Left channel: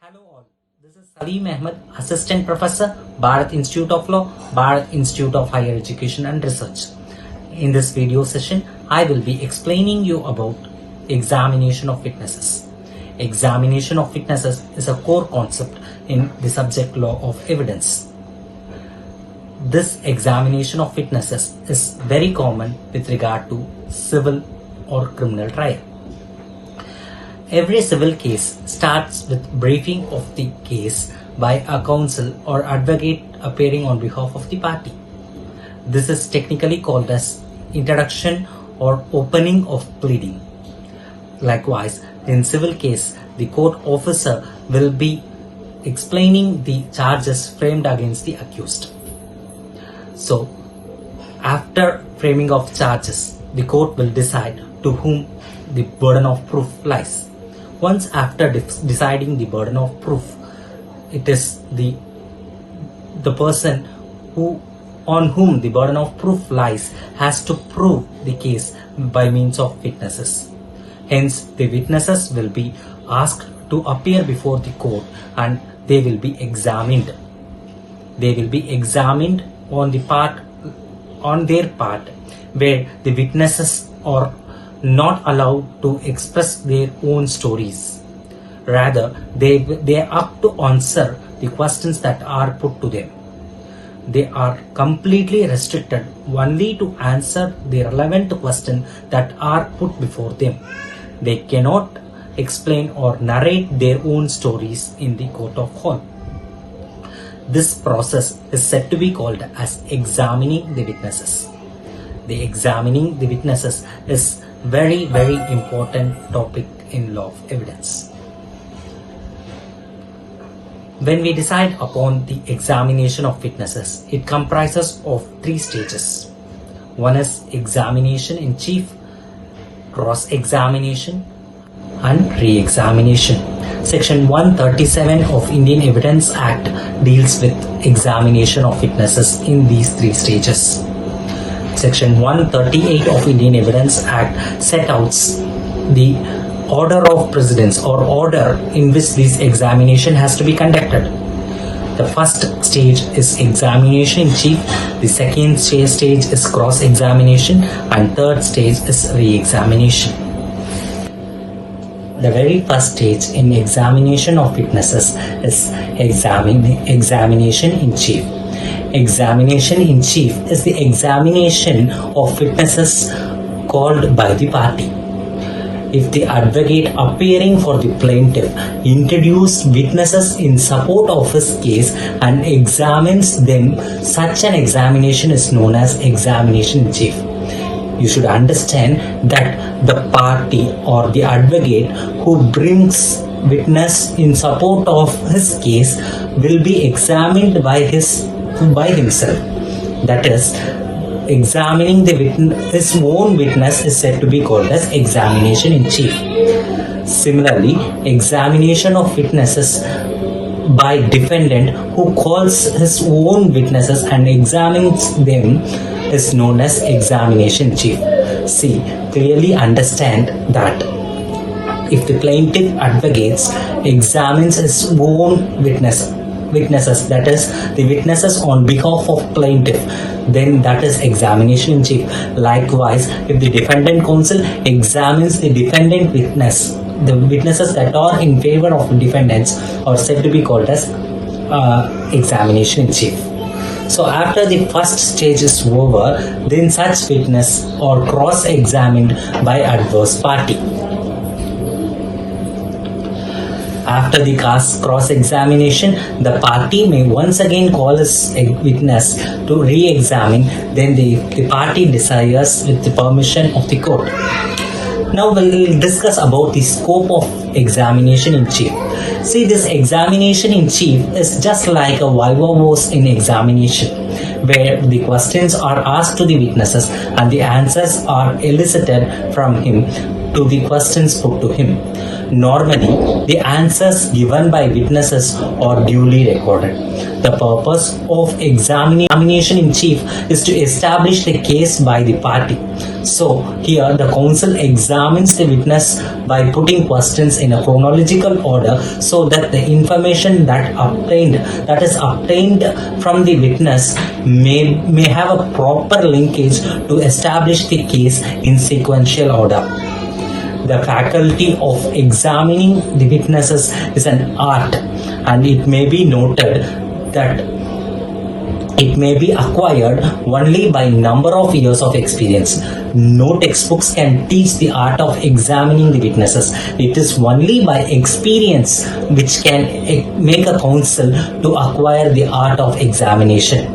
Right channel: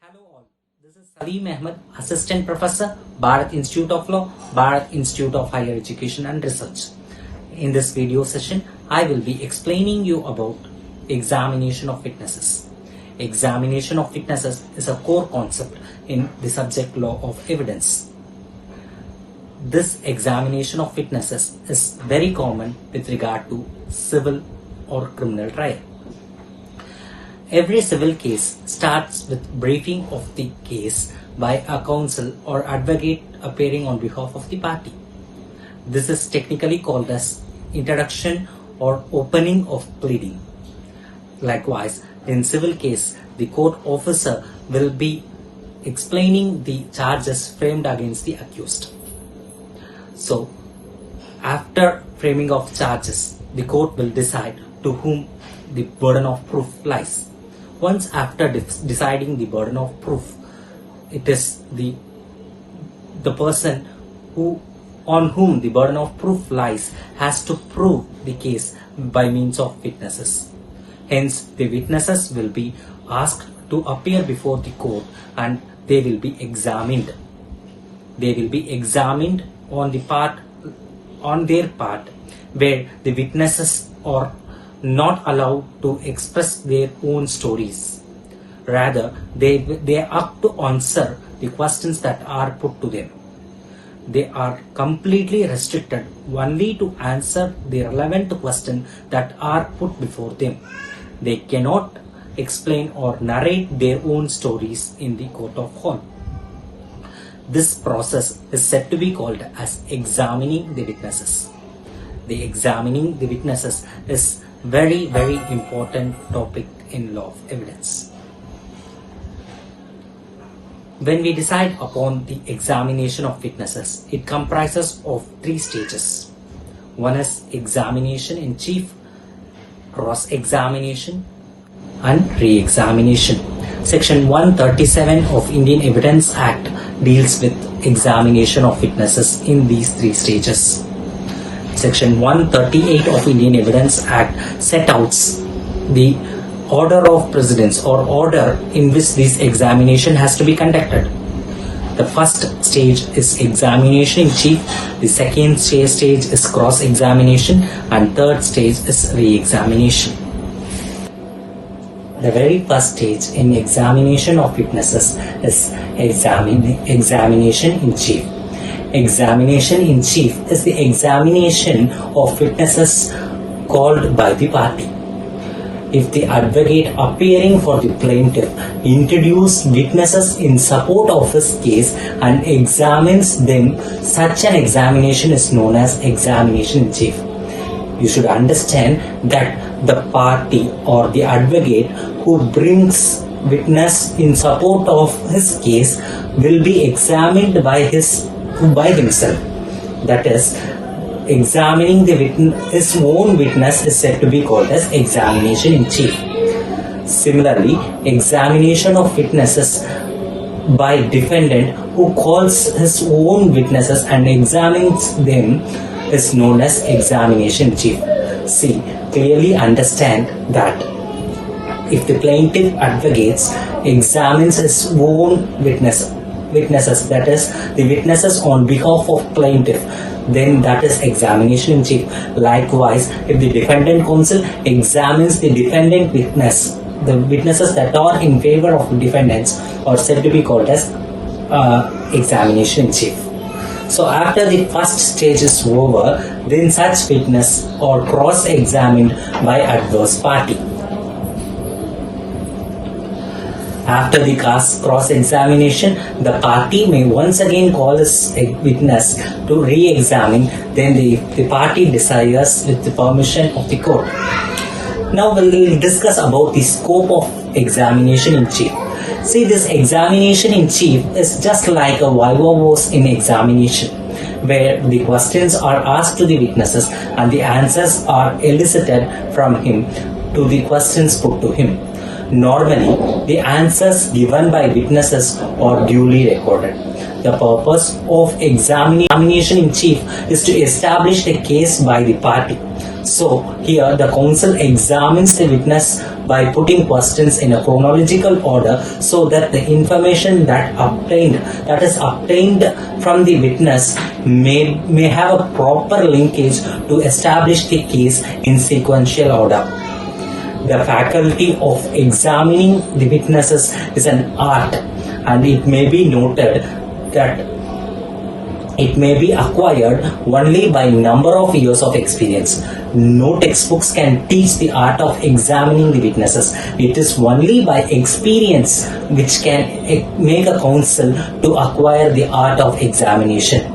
Hello all, this is Saleem Ahmed, Assistant Professor, Bharath Institute of Law, Bharath Institute of Higher Education and Research. In this video session, I will be explaining you about examination of witnesses. Examination of witnesses is a core concept in the subject law of evidence. This examination of witnesses is very common with regard to civil or criminal trial. Every civil case starts with briefing of the case by a counsel or advocate appearing on behalf of the party. This is technically called as introduction or opening of pleading. Likewise, in civil case, the court officer will be explaining the charges framed against the accused. So, after framing of charges, the court will decide to whom the burden of proof lies. Once after deciding the burden of proof, it is the person on whom the burden of proof lies has to prove the case by means of witnesses. Hence, the witnesses will be asked to appear before the court and they will be examined. They will be examined on their part, where the witnesses are not allowed to express their own stories. Rather, they are up to answer the questions that are put to them. They are completely restricted only to answer the relevant questions that are put before them. They cannot explain or narrate their own stories in the court of law. This process is said to be called as examining the witnesses. The examining the witnesses is very important topic in law of evidence. When we decide upon the examination of witnesses, it comprises of 3 stages. One is examination in chief, cross-examination and re-examination. Section 137 of Indian Evidence Act deals with examination of witnesses in these 3 stages. Section 138 of Indian Evidence Act set out the order of precedence or order in which this examination has to be conducted. The first stage is examination in chief, the second stage is cross-examination, and third stage is re-examination. The very first stage in examination of witnesses is examination in chief. Examination in chief is the examination of witnesses called by the party. If the advocate appearing for the plaintiff introduces witnesses in support of his case and examines them, such an examination is known as examination in chief. You should understand that the party or the advocate who brings witness in support of his case will be examined by himself. That is, examining his own witness is said to be called as examination in chief. Similarly, examination of witnesses by defendant who calls his own witnesses and examines them is known as examination in chief. See, clearly understand that if the plaintiff advocates examines his own witnesses, that is, the witnesses on behalf of plaintiff, then that is examination in chief. Likewise, if the defendant counsel examines the defendant witness, the witnesses that are in favor of defendants are said to be called as examination in chief. So after the first stage is over, then such witness are cross-examined by adverse party. After the cross-examination, the party may once again call his witness to re-examine, then the party desires with the permission of the court. Now we will discuss about the scope of examination in chief. See, this examination in chief is just like a viva voce in examination, where the questions are asked to the witnesses and the answers are elicited from him to the questions put to him. Normally, the answers given by witnesses are duly recorded. The purpose of examination in chief is to establish a case by the party. So here the counsel examines the witness by putting questions in a chronological order so that the information that is obtained from the witness may have a proper linkage to establish the case in sequential order. The faculty of examining the witnesses is an art, and it may be noted that it may be acquired only by number of years of experience. No textbooks can teach the art of examining the witnesses. It is only by experience which can make a counsel to acquire the art of examination.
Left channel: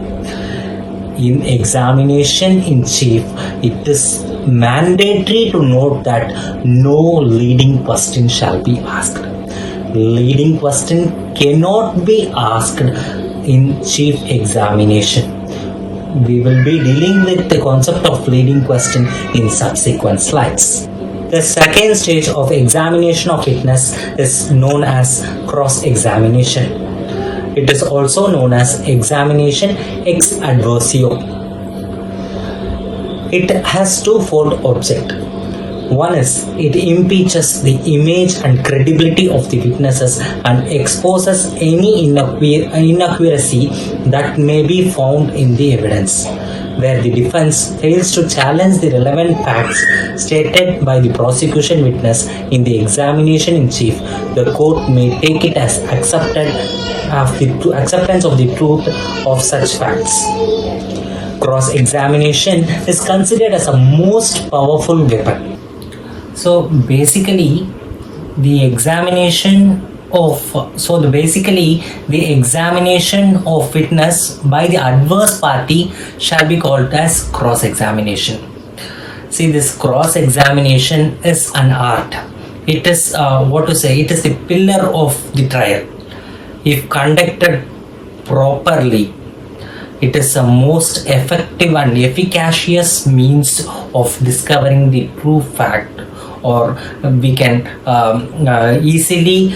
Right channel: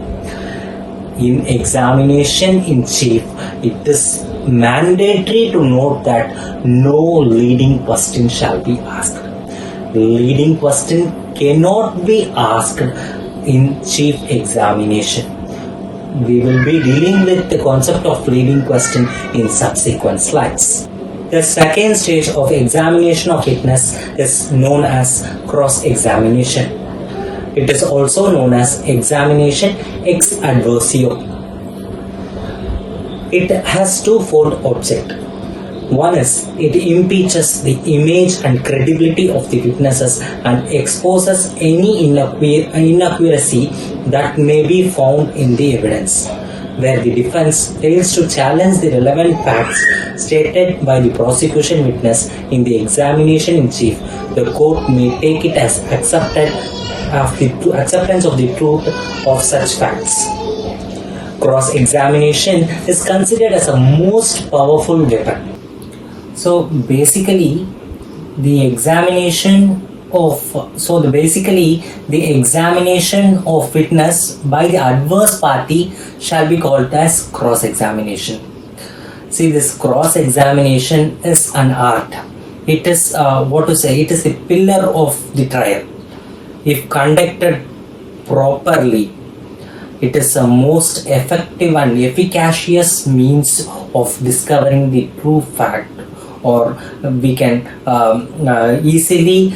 In examination in chief, it is mandatory to note that no leading question shall be asked. Leading question cannot be asked in chief examination. We will be dealing with the concept of leading question in subsequent slides. The second stage of examination of witness is known as cross-examination. It is also known as examination ex adversio. It has twofold object. One is it impeaches the image and credibility of the witnesses and exposes any inaccuracy that may be found in the evidence. Where the defense fails to challenge the relevant facts stated by the prosecution witness in the examination in chief, the court may take it as acceptance of the truth of such facts. Cross-examination is considered as a most powerful weapon. So basically, the examination of witness by the adverse party shall be called as cross-examination. See, this cross-examination is an art. It is it is the pillar of the trial. If conducted properly, it is the most effective and efficacious means of discovering the true fact, or we can easily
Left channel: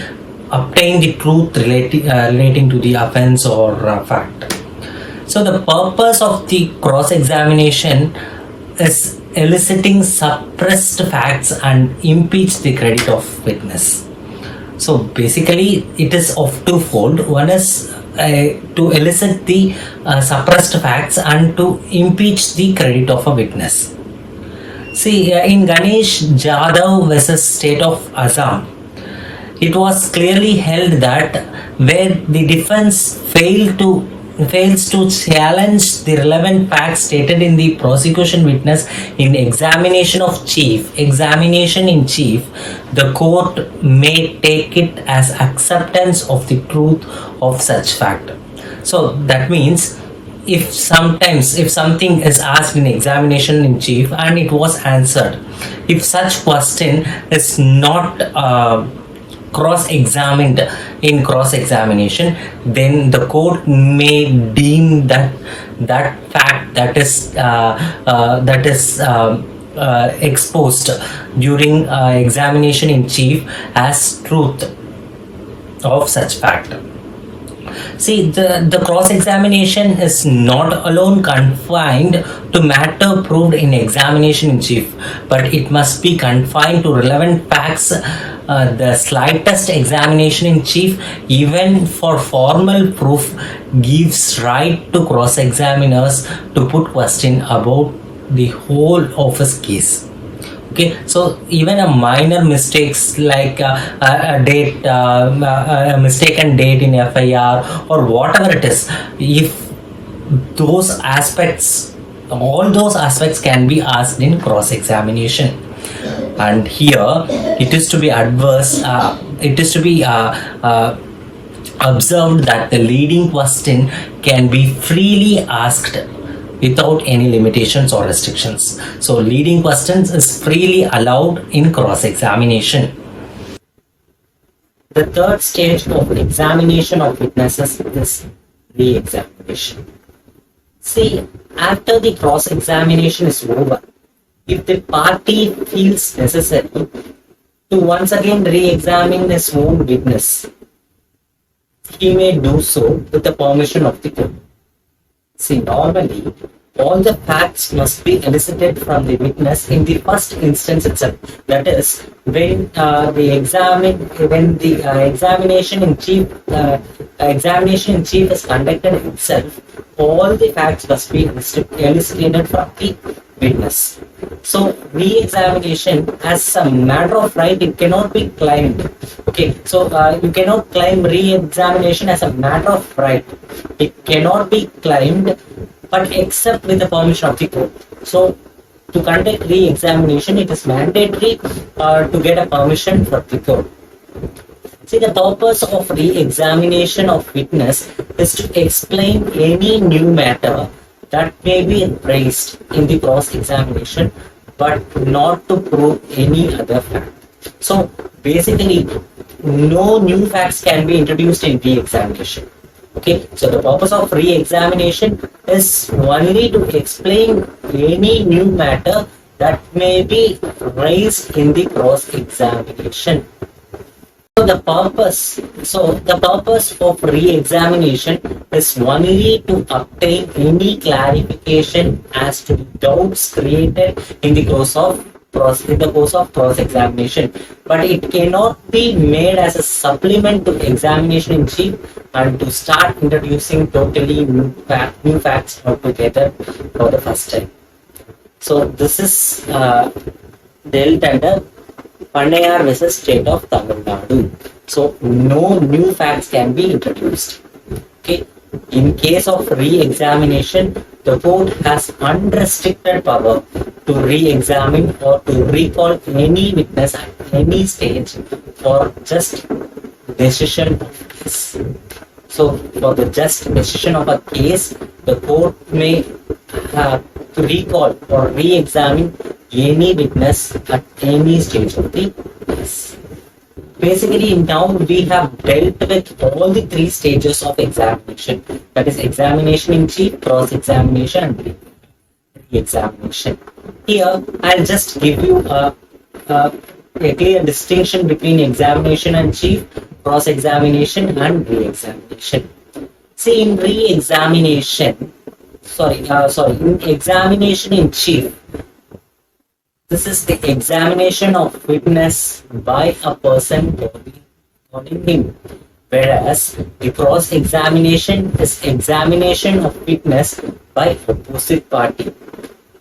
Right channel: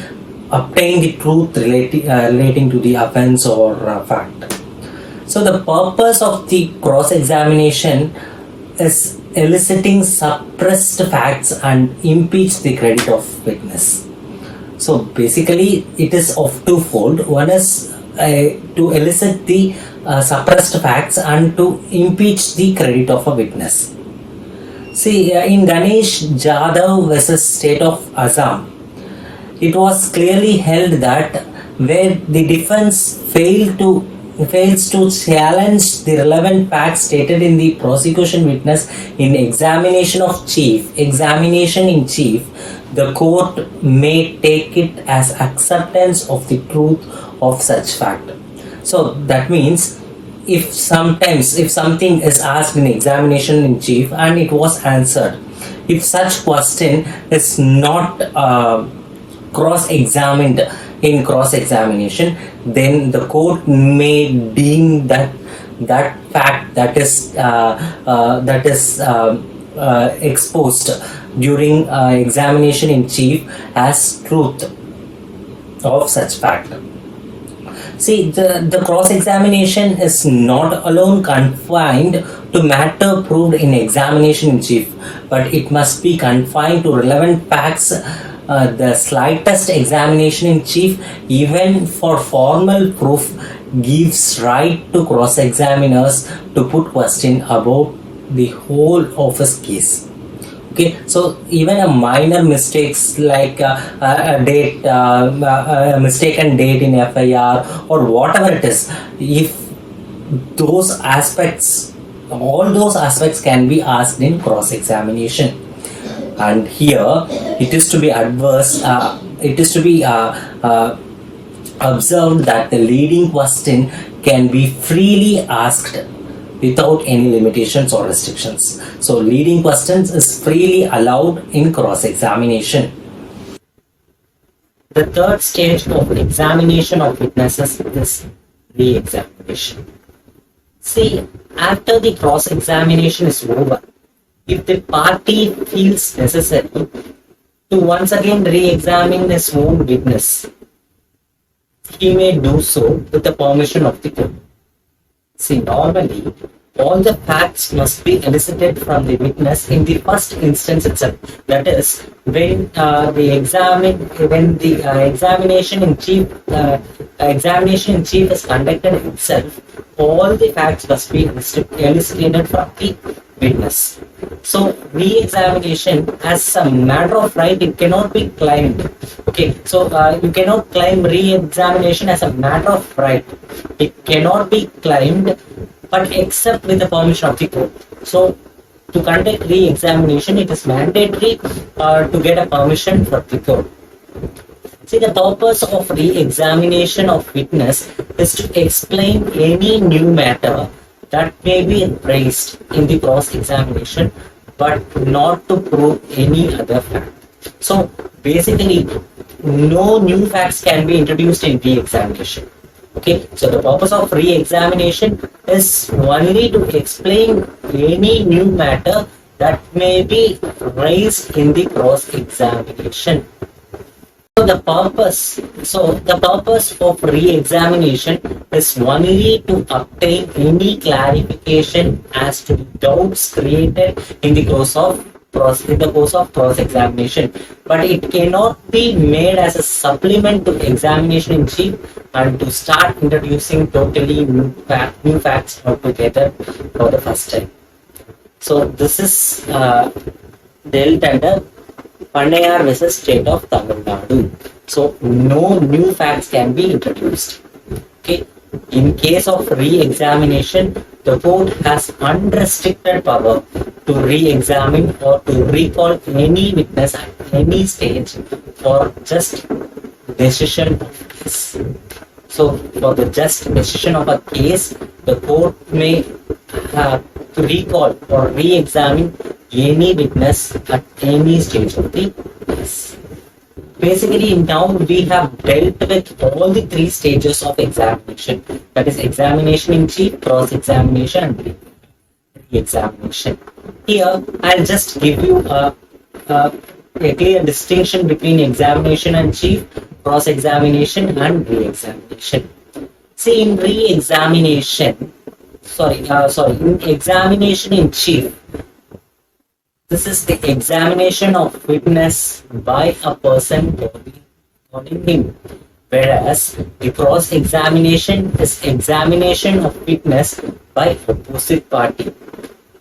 obtain the truth relating to the offense or fact. So the purpose of the cross-examination is eliciting suppressed facts and impeach the credit of witness. So basically it is of twofold. One is to elicit the suppressed facts and to impeach the credit of a witness. See, in Ganesh Jadhav versus State of Assam, it was clearly held that where the defense fails to challenge the relevant facts stated in the prosecution witness in examination in chief, the court may take it as acceptance of the truth of such fact. So that means if something is asked in examination in chief and it was answered, if such question is not cross-examined in cross-examination, then the court may deem that fact that is exposed during examination in chief as truth of such fact. See, the cross-examination is not alone confined to matter proved in examination in chief, but it must be confined to relevant facts. The slightest examination in chief, even for formal proof, gives right to cross-examiners to put question about the whole of his case. Okay, so even a minor mistakes like a date, a mistaken date in FIR or whatever it is, if those aspects, all those aspects can be asked in cross-examination. And here it is to be observed that the leading question can be freely asked without any limitations or restrictions. So leading questions is freely allowed in cross-examination. The third stage of examination of witnesses is re-examination. See, after the cross-examination is over, if the party feels necessary to once again re-examine his own witness, he may do so with the permission of the court. See, normally, all the facts must be elicited from the witness in the first instance itself. That is, when the examination in chief is conducted itself, all the facts must be elicited from the witness. So, re-examination as a matter of right, it cannot be claimed. Okay, so you cannot claim re-examination as a matter of right. It cannot be claimed, but except with the permission of the court. So, to conduct re-examination, it is mandatory to get a permission from the court. See, the purpose of re-examination of witness is to explain any new matter that may be raised in the cross-examination, but not to prove any other fact. So, basically, no new facts can be introduced in re-examination. Okay, so the purpose of re-examination is only to explain any new matter that may be raised in the cross-examination. So the purpose of re-examination is only to obtain any clarification as to the doubts created in the course of cross-examination, but it cannot be made as a supplement to examination in chief and to start introducing totally new facts altogether for the first time. So this is dealt under Pannayar versus State of Tamil Nadu. So no new facts can be introduced. Okay. In case of re-examination, the court has unrestricted power to re-examine or to recall any witness at any stage for just decision of case. So, for the just decision of a case, the court may recall or re-examine any witness at any stage of the case. Basically, now we have dealt with all the three stages of examination. That is, examination in chief, cross-examination, and re-examination. Here, I'll just give you a clear distinction between examination in chief, cross-examination, and re-examination. See, in re-examination, in examination in chief, this is the examination of witness by a person calling him, whereas the cross-examination is examination of witness by opposite party.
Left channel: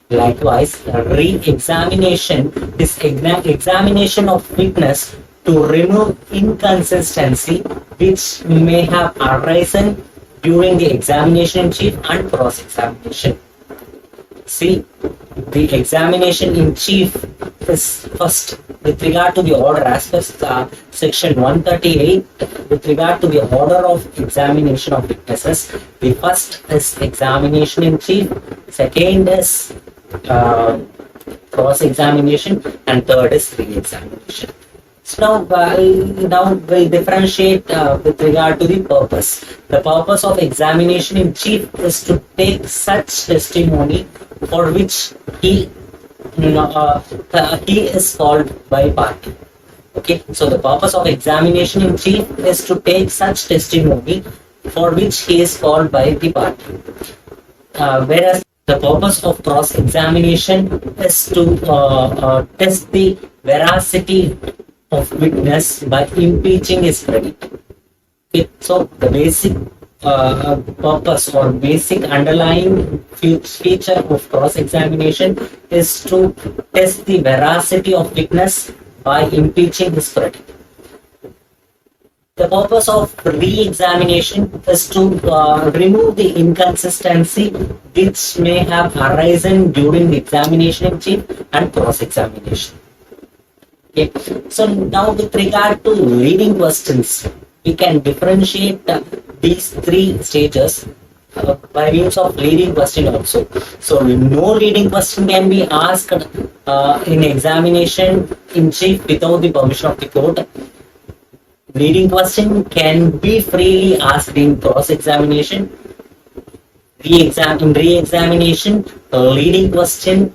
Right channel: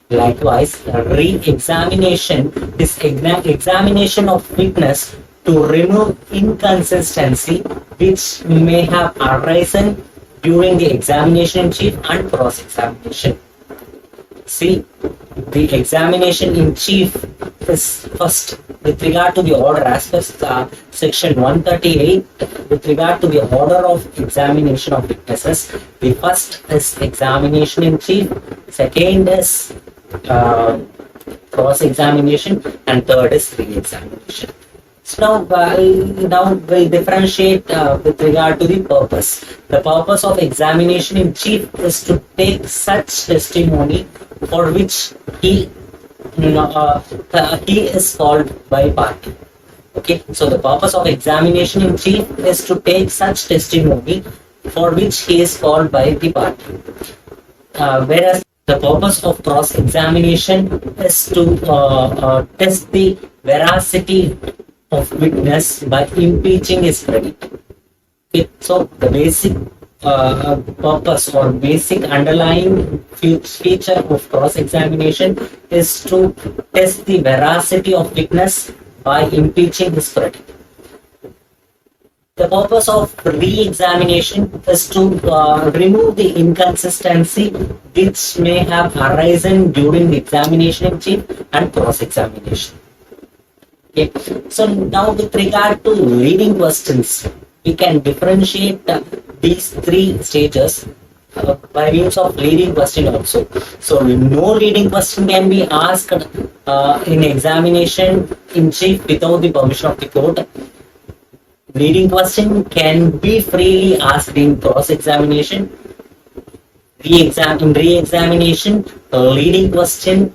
Likewise, re-examination is examination of witness to remove inconsistency which may have arisen during the examination in chief and cross-examination. See, the examination in chief is first with regard to the order as per section 138 with regard to the order of examination of witnesses. The first is examination in chief, second is cross-examination, and third is re-examination. So now we'll differentiate with regard to the purpose. The purpose of examination in chief is to take such testimony for which he is called by party. Okay, so the purpose of examination in chief is to take such testimony for which he is called by the party. Whereas the purpose of cross-examination is to test the veracity of witness by impeaching his credit. Okay, so the basic purpose or basic underlying feature of cross-examination is to test the veracity of witness by impeaching his credit. The purpose of re-examination is to remove the inconsistency which may have arisen during the examination in chief and cross-examination. Okay. So now with regard to leading questions, we can differentiate these three stages by means of leading question also. So no leading question can be asked in examination in chief without the permission of the court. Leading question can be freely asked in cross-examination. In re-examination, leading question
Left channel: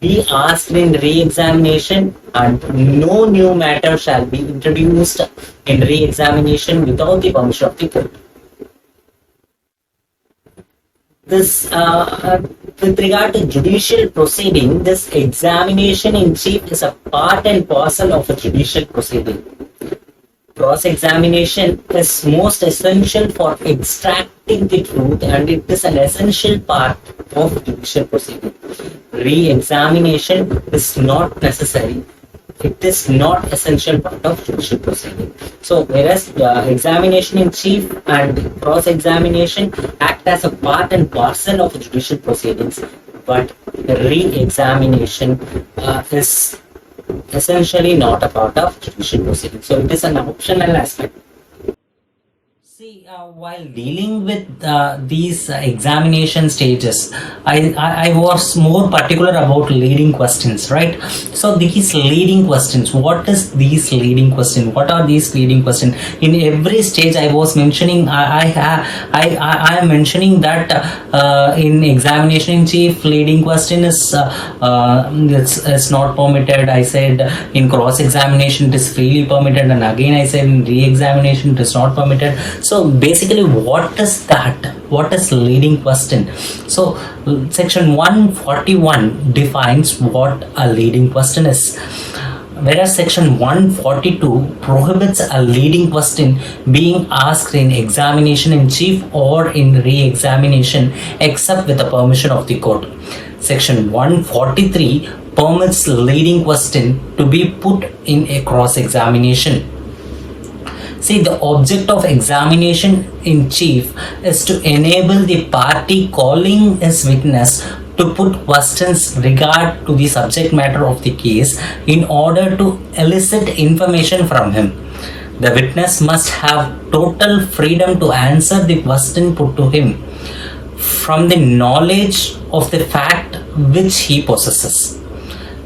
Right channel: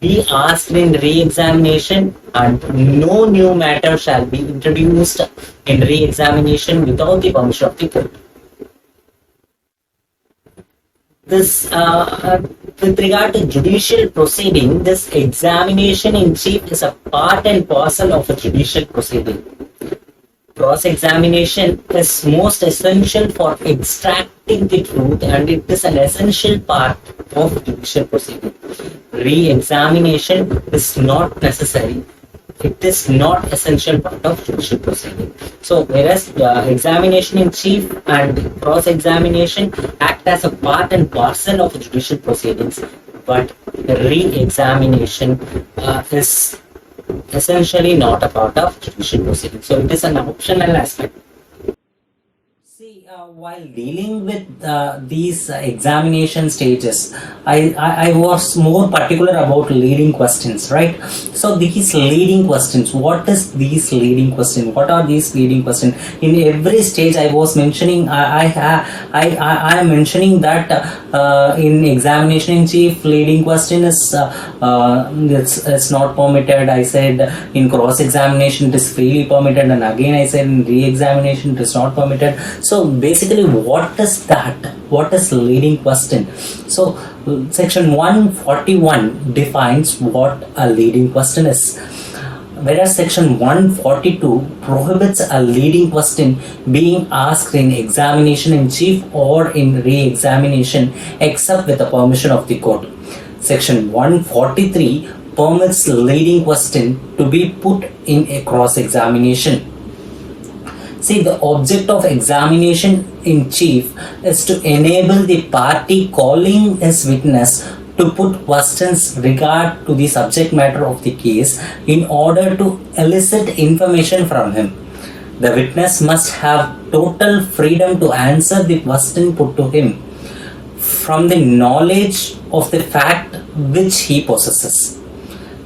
be asked in re-examination, and no new matter shall be introduced in re-examination without the permission of the court. This, with regard to judicial proceeding, this examination in chief is a part and parcel of a judicial proceeding. Cross-examination is most essential for extracting the truth, and it is an essential part of judicial proceeding. Re-examination is not necessary. It is not essential part of judicial proceeding. So, whereas examination in chief and cross-examination act as a part and parcel of judicial proceedings, but re-examination is essentially not a part of judicial proceedings. So, it is an optional aspect. See, while dealing with these examination stages, I was more particular about leading questions, right? So these leading questions, what is these leading questions? What are these leading questions? In every stage, I was mentioning, I am mentioning that in examination in chief, leading question is it's not permitted. I said in cross examination it is freely permitted, and again I said in re-examination it is not permitted. So basically, what is that? What is leading question? So section 141 defines what a leading question is, whereas section 142 prohibits a leading question being asked in examination in chief or in re-examination except with the permission of the court. Section 143 permits leading question to be put in a cross-examination. See, the object of examination in chief is to enable the party calling his witness to put questions regard to the subject matter of the case in order to elicit information from him. The witness must have total freedom to answer the question put to him from the knowledge of the fact which he possesses.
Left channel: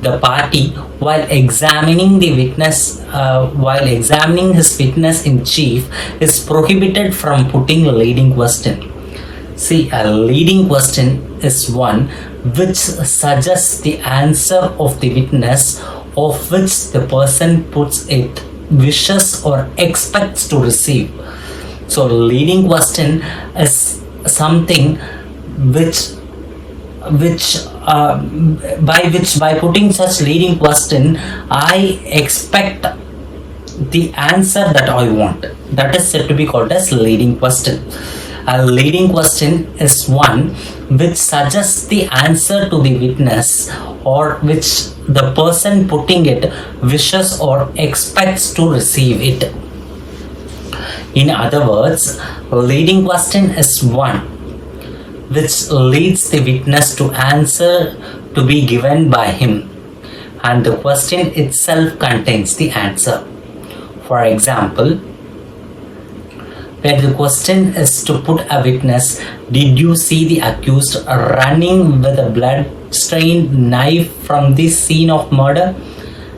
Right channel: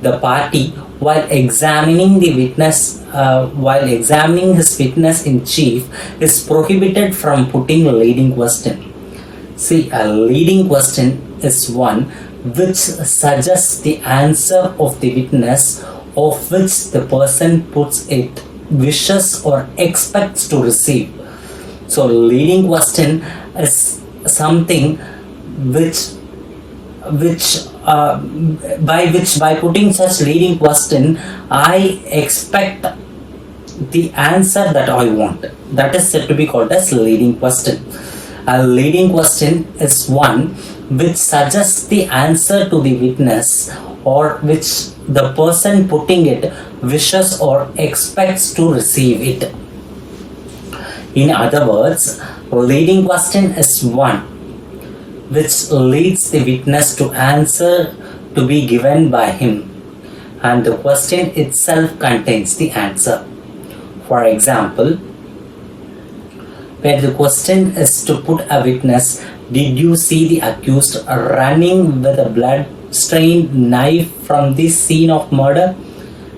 The party, while examining the witness, while examining his witness in chief, is prohibited from putting a leading question. See, a leading question is one which suggests the answer of the witness, of which the person puts it, wishes or expects to receive. So, leading question is something by putting such leading question, I expect the answer that I want. That is said to be called as leading question. A leading question is one which suggests the answer to the witness, or which the person putting it wishes or expects to receive it. In other words, a leading question is one which leads the witness to answer to be given by him, and the question itself contains the answer. For example, where the question is to put a witness, did you see the accused running with a blood-stained knife from the scene of murder?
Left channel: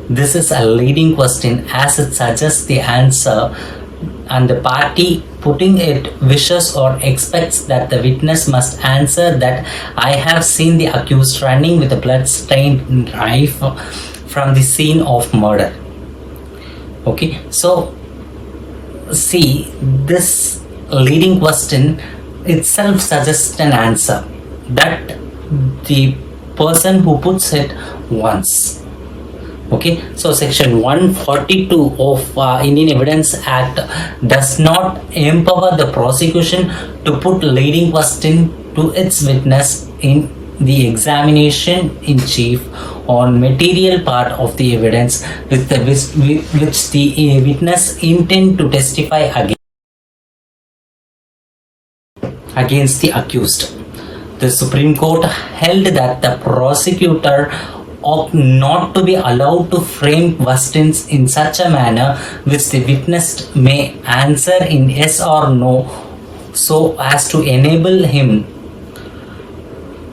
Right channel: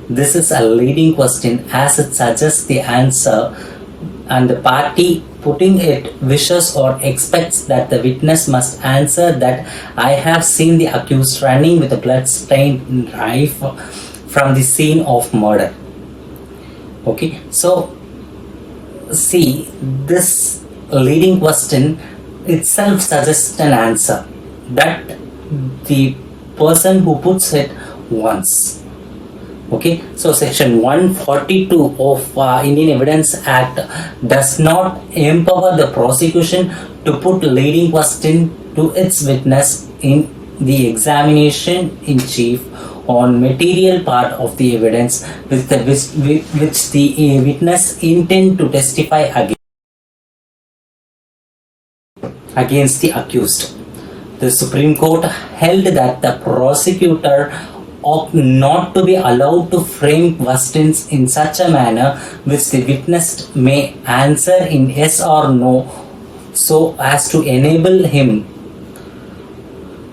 This is a leading question as it suggests the answer, and the party putting it wishes or expects that the witness must answer that I have seen the accused running with a blood-stained knife from the scene of murder. Okay, so see, this leading question itself suggests an answer that the person who puts it wants. Okay, so section 142 of Indian Evidence Act does not empower the prosecution to put leading question to its witness in the examination in chief on material part of the evidence which the witness intend to testify against the accused. The Supreme Court held that the prosecutor ought not to be allowed to frame questions in such a manner which the witness may answer in yes or no, so as to enable him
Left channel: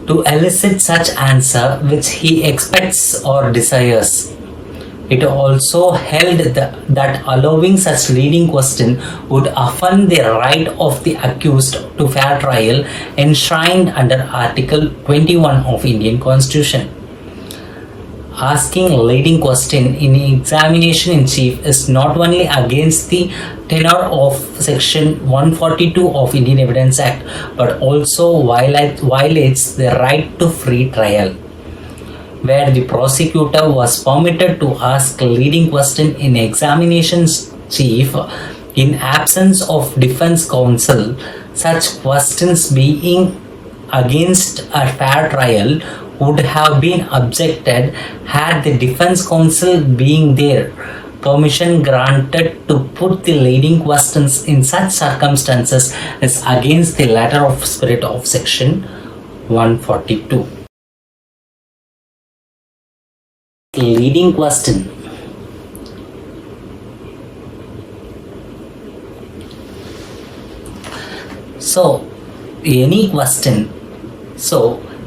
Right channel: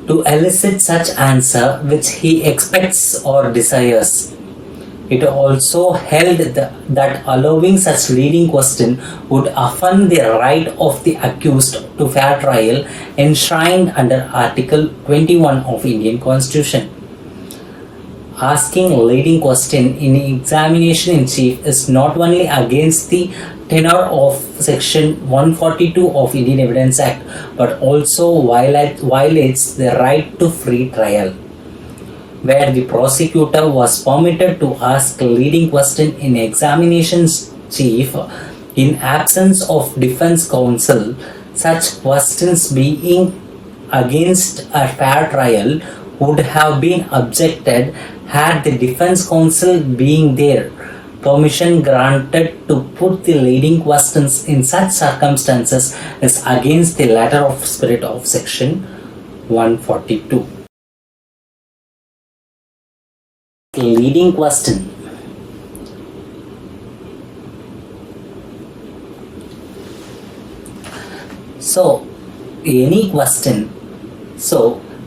to elicit such answer which he expects or desires. It also held that allowing such leading question would affirm the right of the accused to fair trial enshrined under Article 21 of Indian Constitution. asking a leading question in examination in chief is not only against the tenor of section 142 of Indian Evidence Act but also violates the right to free trial, where the prosecutor was permitted to ask a leading question in examinations chief in absence of defense counsel. Such questions being against a fair trial would have been objected had the defense counsel being there. Permission granted to put the leading questions in such circumstances is against the letter of spirit of section 142. Leading question.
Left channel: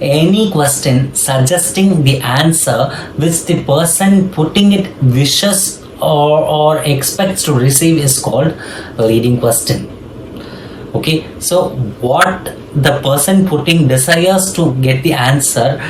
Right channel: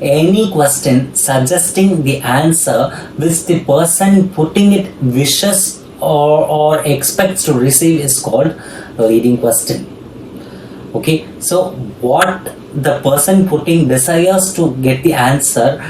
Any question suggesting the answer which the person putting it wishes or expects to receive is called leading question. Okay, so what the person putting desires to get the answer,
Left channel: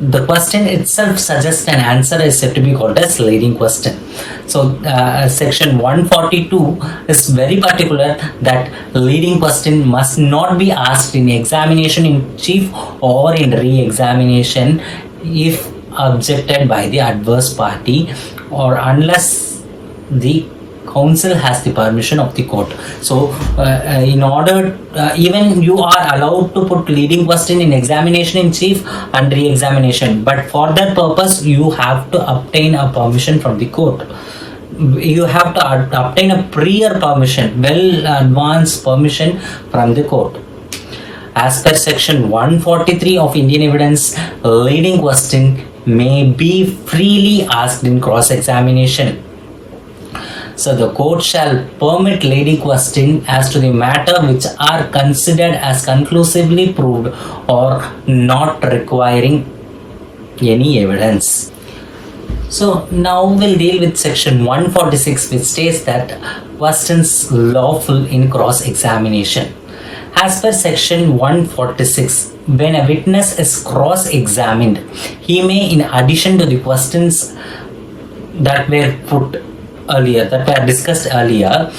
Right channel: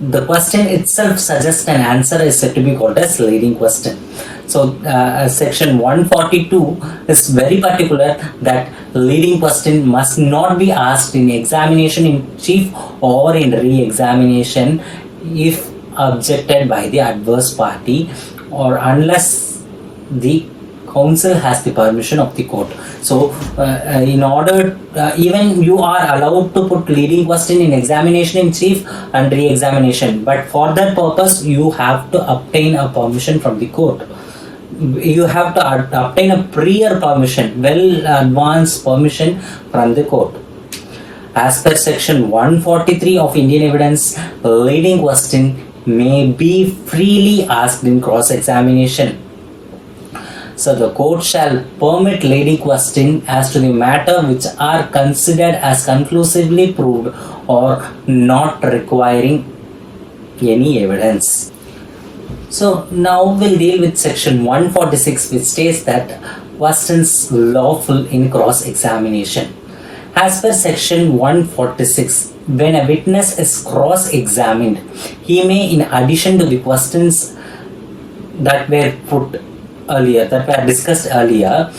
the question itself suggests an answer is said to be called as leading question. So section 142 is very particular that leading question must not be asked in examination in chief or in re-examination if objected by the adverse party or unless the counsel has the permission of the court. So in order, even you are allowed to put leading question in examination in chief and re-examination, but for that purpose you have to obtain a permission from the court. You have to obtain a prior permission, well advanced permission from the court. As per section 143 of Indian Evidence, leading question may be freely asked in cross-examination. So the court shall permit leading question as to the matter which are considered as conclusively proved or not requiring any evidence. So now we'll deal with section 146, which states that questions lawful in cross-examination. As per section 146, when a witness is cross-examined, he may, in addition to the questions that were put earlier, that were discussed earlier,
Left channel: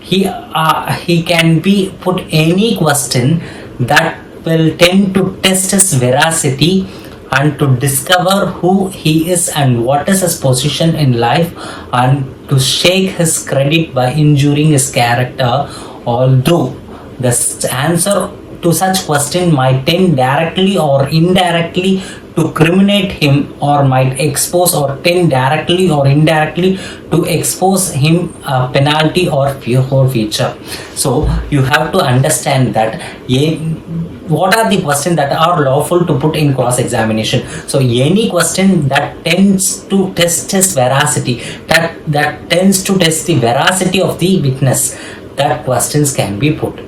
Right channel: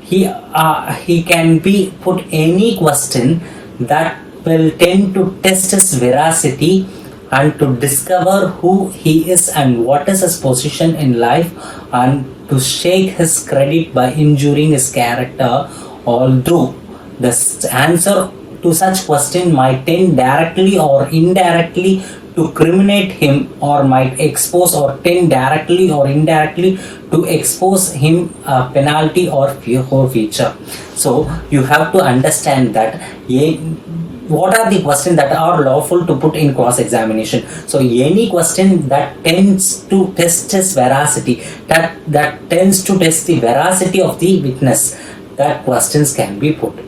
he can be put any question that will tend to test his veracity and to discover who he is and what is his position in life and to shake his credit by injuring his character, although the answer to such question might tend directly or indirectly to criminate him or might expose or tend directly or indirectly to expose him a penalty or forfeiture. So you have to understand that what are the questions that are lawful to put in cross-examination. So any question that tends to test his veracity, that tends to test the veracity of the witness, that questions can be put.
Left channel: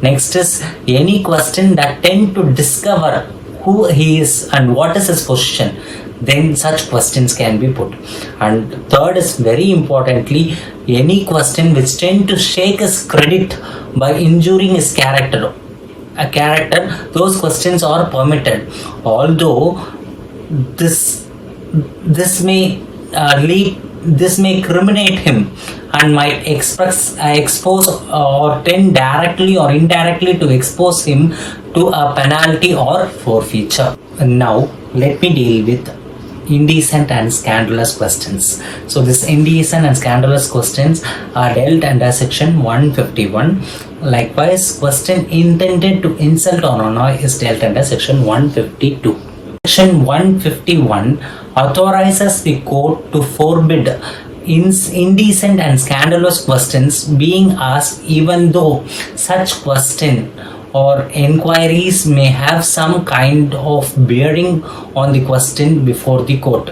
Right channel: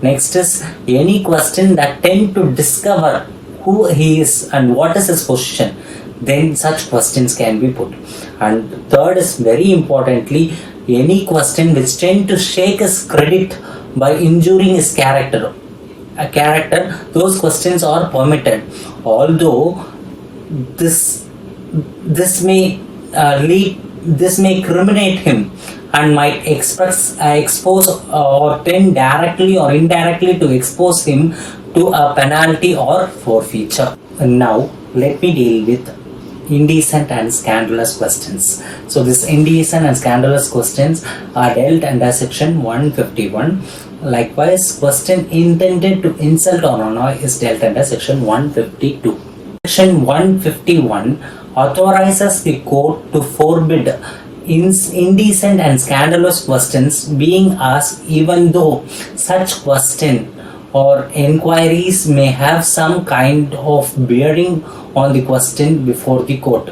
Next is any question that tend to discover who he is and what is his position, then such questions can be put. And third is very importantly, any question which tend to shake his credit by injuring his character, those questions are permitted, although this may criminate him and might expose or tend directly or indirectly to expose him to a penalty or forfeiture. And now let me deal with indecent and scandalous questions. So this indecent and scandalous questions are dealt under section 151. Likewise, question intended to insult or annoy is dealt under section 152. Section 151 authorizes the court to forbid indecent and scandalous questions being asked even though such question or enquiries may have some kind of bearing on the question before the court.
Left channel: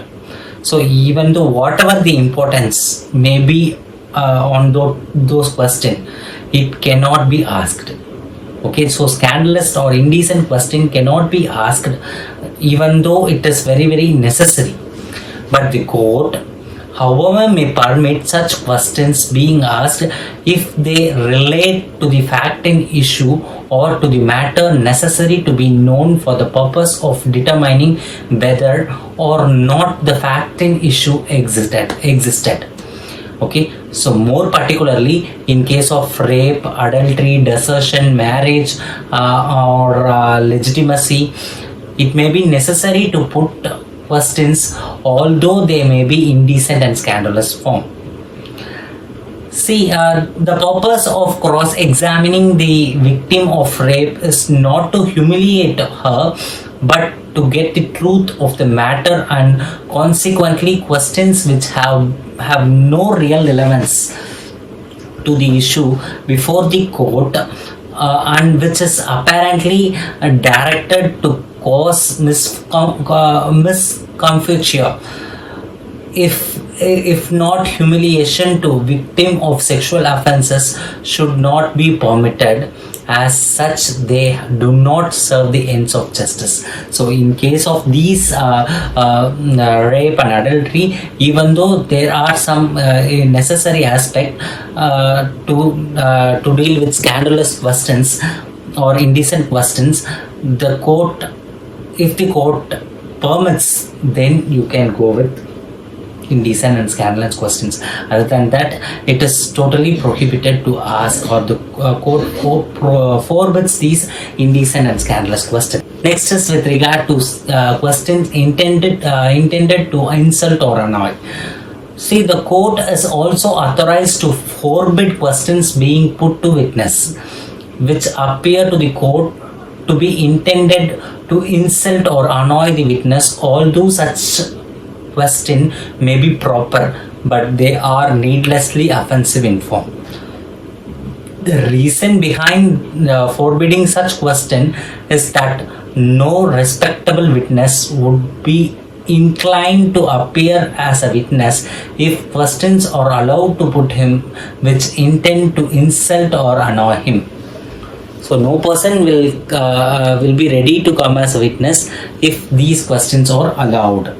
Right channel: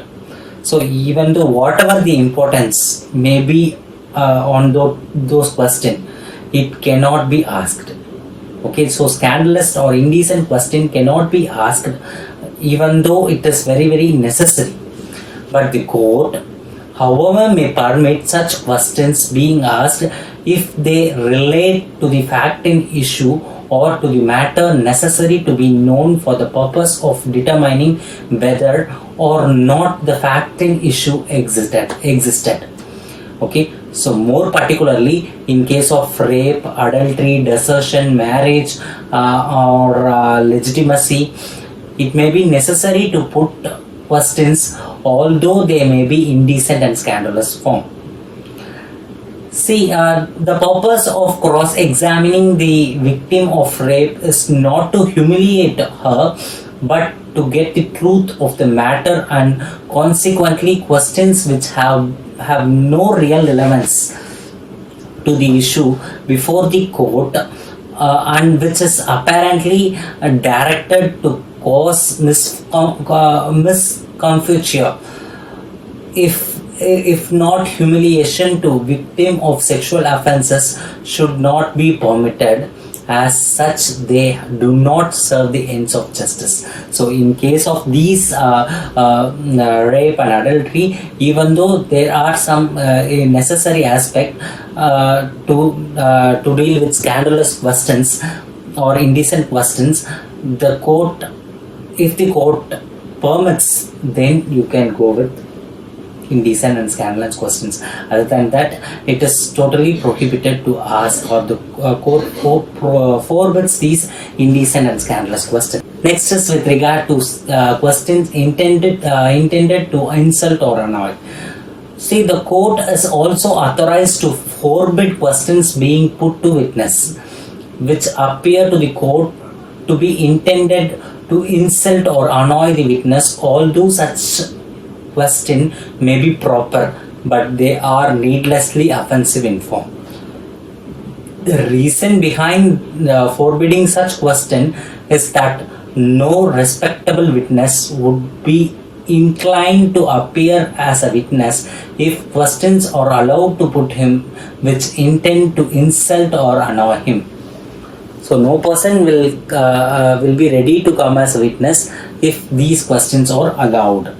So even though whatever the importance may be on those questions, it cannot be asked. Okay, so scandalous or indecent question cannot be asked even though it is very, very necessary. But the court, however, may permit such questions being asked if they relate to the fact in issue or to the matter necessary to be known for the purpose of determining whether or not the fact in issue existed. Okay, so more particularly in case of rape, adultery, desertion, marriage, or legitimacy, it may be necessary to put questions, although they may be indecent and scandalous form. See, the purpose of cross-examining the victim of rape is not to humiliate her, but to get the truth of the matter, and consequently questions which have no real relevance to the issue before the court, and which is apparently directed to cause miscomfiture, if not humiliation, to victim of sexual offences should not be permitted. As such, they do not serve the ends of justice. So in case of these rape and adultery, even though there are some necessary aspect to deal with scandalous questions or indecent questions, the court, if the court permits, then you can go with indecent and scandalous questions. Other than that, it is totally prohibited to ask, or the court forbids these indecent and scandalous questions. Next is with regard to questions intended to insult or annoy. See, the court is also authorized to forbid questions being put to witness which appear to the court to be intended to insult or annoy the witness, although such question may be proper, but they are needlessly offensive in form. The reason behind forbidding such question is that no respectable witness would be inclined to appear as a witness if questions are allowed to put him which intend to insult or annoy him. So no person will be ready to come as a witness if these questions are allowed.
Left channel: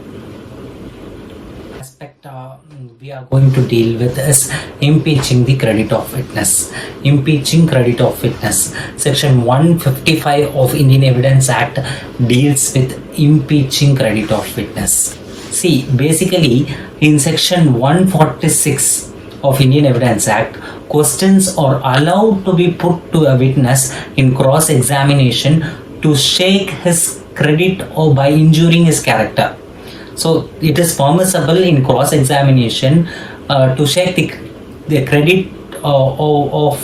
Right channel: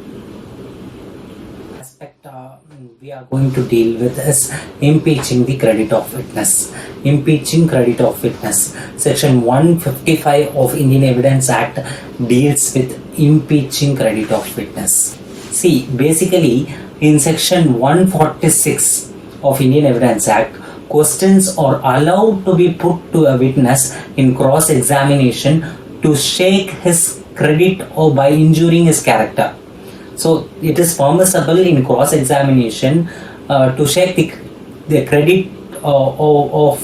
We are going to deal with is impeaching the credit of witness. Impeaching credit of witness. Section 155 of Indian Evidence Act deals with impeaching credit of witness. See, basically in section 146 of Indian Evidence Act, questions are allowed to be put to a witness in cross-examination to shake his credit or by injuring his character. So it is permissible in cross-examination to shake the credit of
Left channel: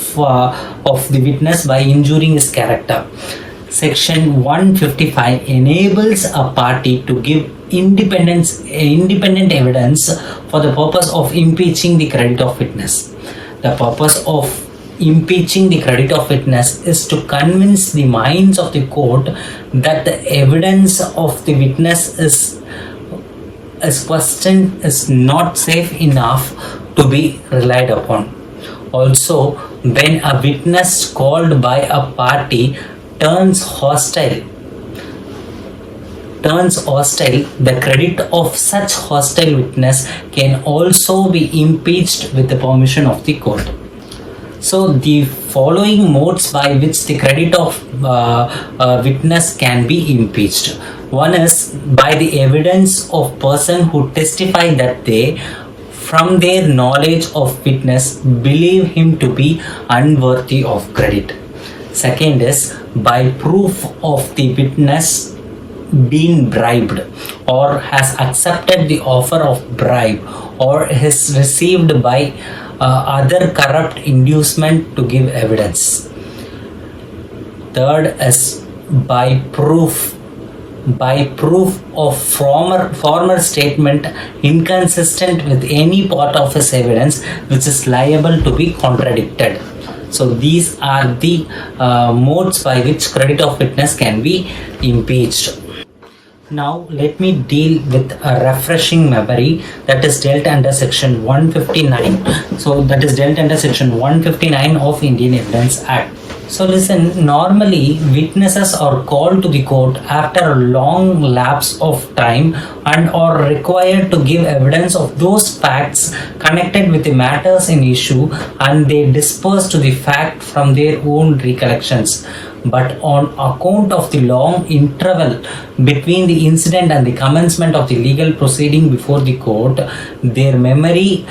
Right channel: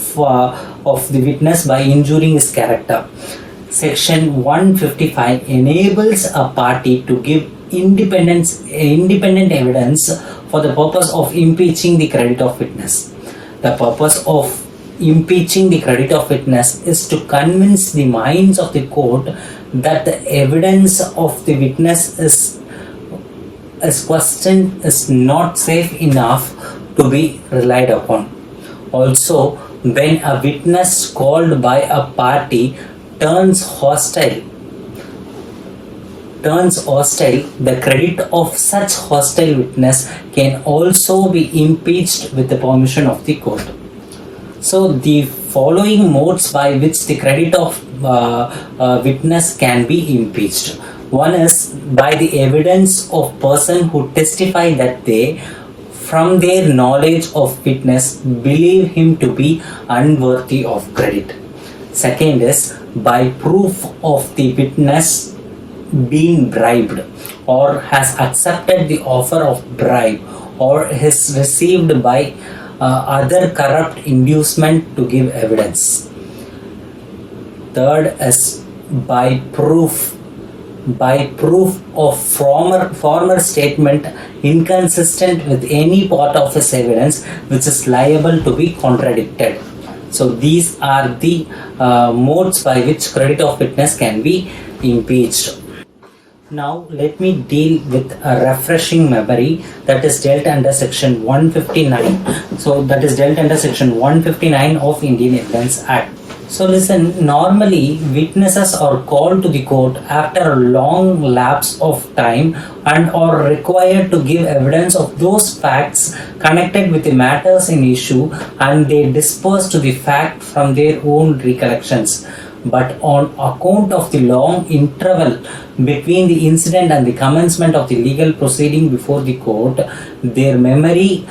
the witness by injuring his character. Section 155 enables a party to give independent evidence for the purpose of impeaching the credit of witness. The purpose of impeaching the credit of witness is to convince the minds of the court that the evidence of the witness is questioned is not safe enough to be relied upon. Also, when a witness called by a party turns hostile, the credit of such hostile witness can also be impeached with the permission of the court. So the following modes by which the credit of witness can be impeached. One is by the evidence of person who testify that they, from their knowledge of witness, believe him to be unworthy of credit. Second is by proof of the witness being bribed or has accepted the offer of bribe or is received by other corrupt inducement to give evidence. Third is by proof of former statement inconsistent with any part of his evidence which is liable to be contradicted. So these are the modes by which credit of witness can be impeached. Now let me deal with a refreshing memory that is dealt under section 159. So that is dealt under section 159 of Indian Evidence Act. So listen, normally witnesses are called to the court after a long lapse of time and are required to give evidence of those facts connected with the matters in issue, and they disperse to the fact from their own recollections. But on account of the long interval between the incident and the commencement of the legal proceeding before the court, their memory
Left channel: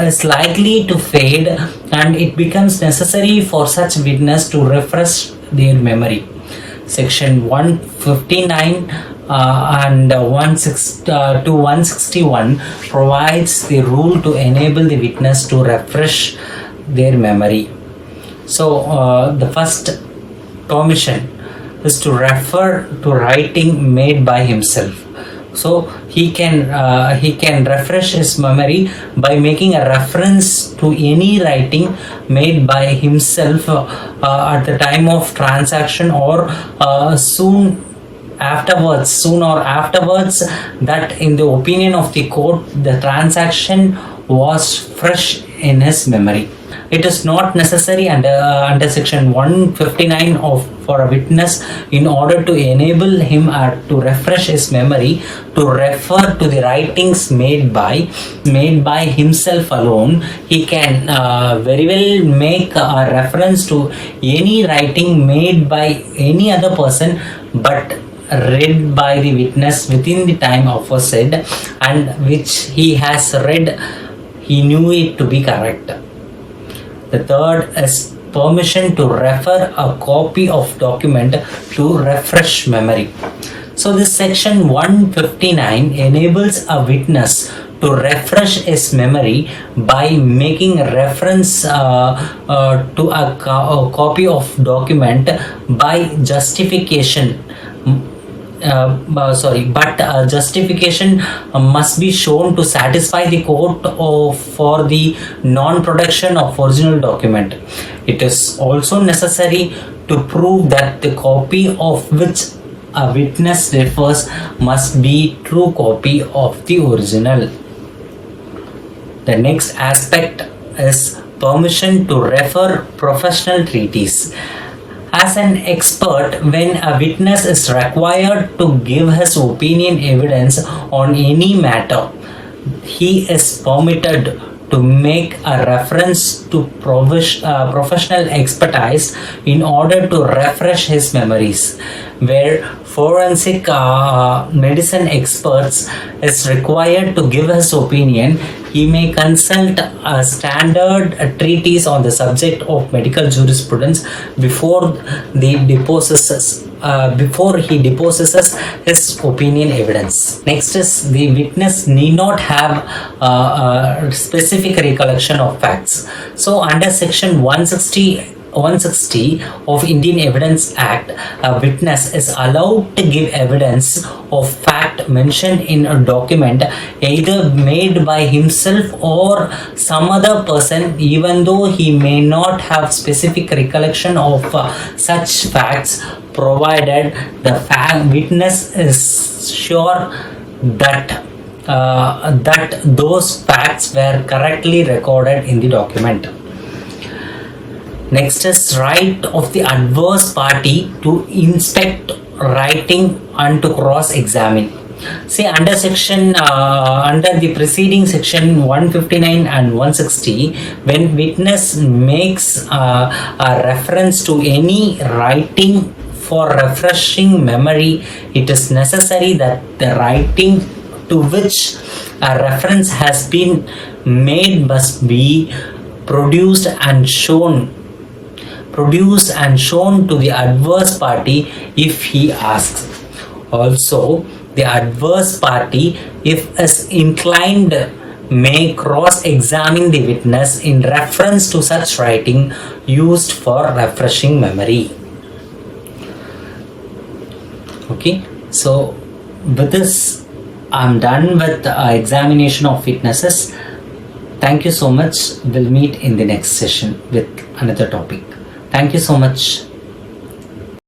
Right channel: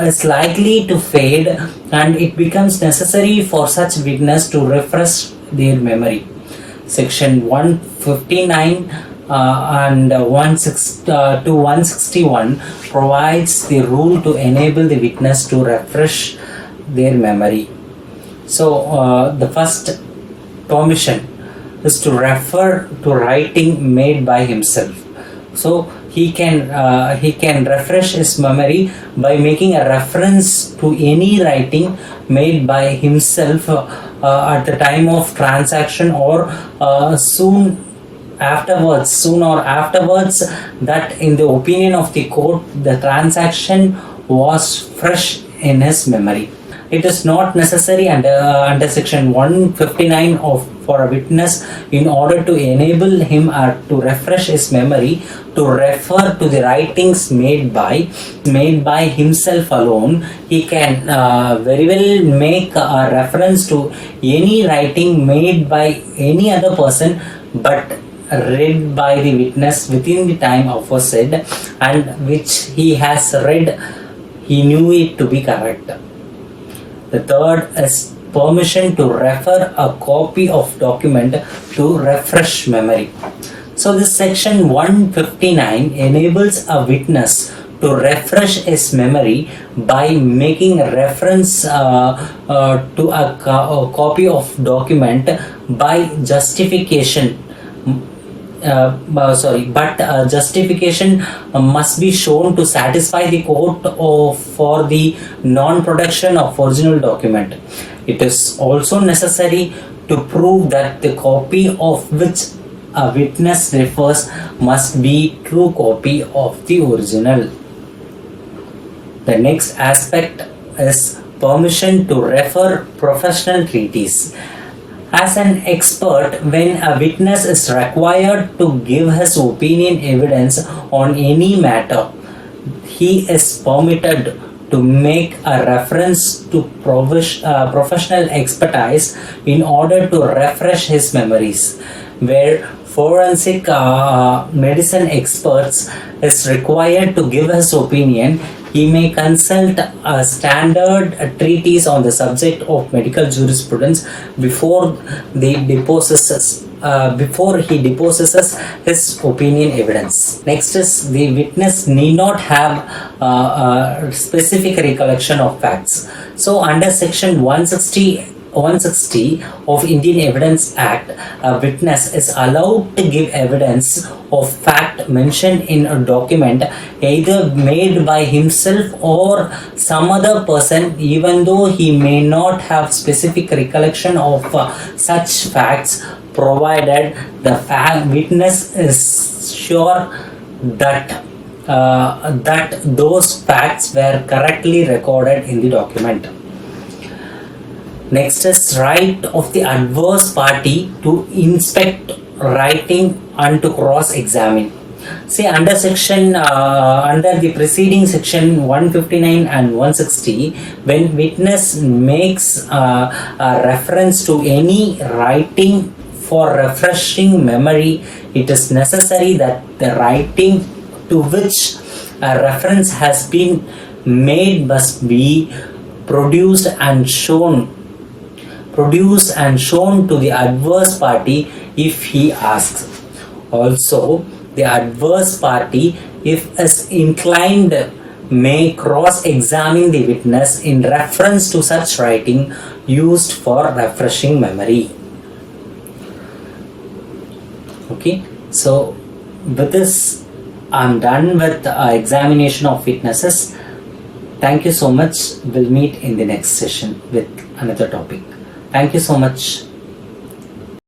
is likely to fade, and it becomes necessary for such witness to refresh their memory. Section 159 and 161 provides the rule to enable the witness to refresh their memory. So the first permission is to refer to writing made by himself. So he can refresh his memory by making a reference to any writing made by himself at the time of transaction, or soon or afterwards, that in the opinion of the court the transaction was fresh in his memory. It is not necessary under section 159 for a witness, in order to enable him to refresh his memory, to refer to the writings made by himself alone. He can very well make a reference to any writing made by any other person, but read by the witness within the time aforesaid, and which he has read, he knew it to be correct. The third is permission to refer a copy of document to refresh memory. So this section 159 enables a witness to refresh his memory by making a reference to a copy of document by justification. But justification must be shown to satisfy the court for the non-production of original document. It is also necessary to prove that the copy of which a witness refers must be true copy of the original. The next aspect is permission to refer professional treatise. As an expert, when a witness is required to give his opinion evidence on any matter, he is permitted to make a reference to professional expertise in order to refresh his memories. Where forensic medicine experts is required to give his opinion, he may consult a standard treatise on the subject of medical jurisprudence before he deposes his opinion evidence. Next is, the witness need not have specific recollection of facts. So under section 160 of Indian Evidence Act, a witness is allowed to give evidence of fact mentioned in a document either made by himself or some other person, even though he may not have specific recollection of such facts, provided the witness is sure that those facts were correctly recorded in the document. Next is right of the adverse party to inspect writing and to cross-examine. See, under the preceding section 159 and 160, when witness makes a reference to any writing for refreshing memory, it is necessary that the writing to which a reference has been made must be produced and shown to the adverse party if he asks. Also, the adverse party, if is inclined, may cross-examine the witness in reference to such writing used for refreshing memory. Okay, so with this I'm done with examination of witnesses. Thank you so much. We'll meet in the next session with another topic. Thank you so much.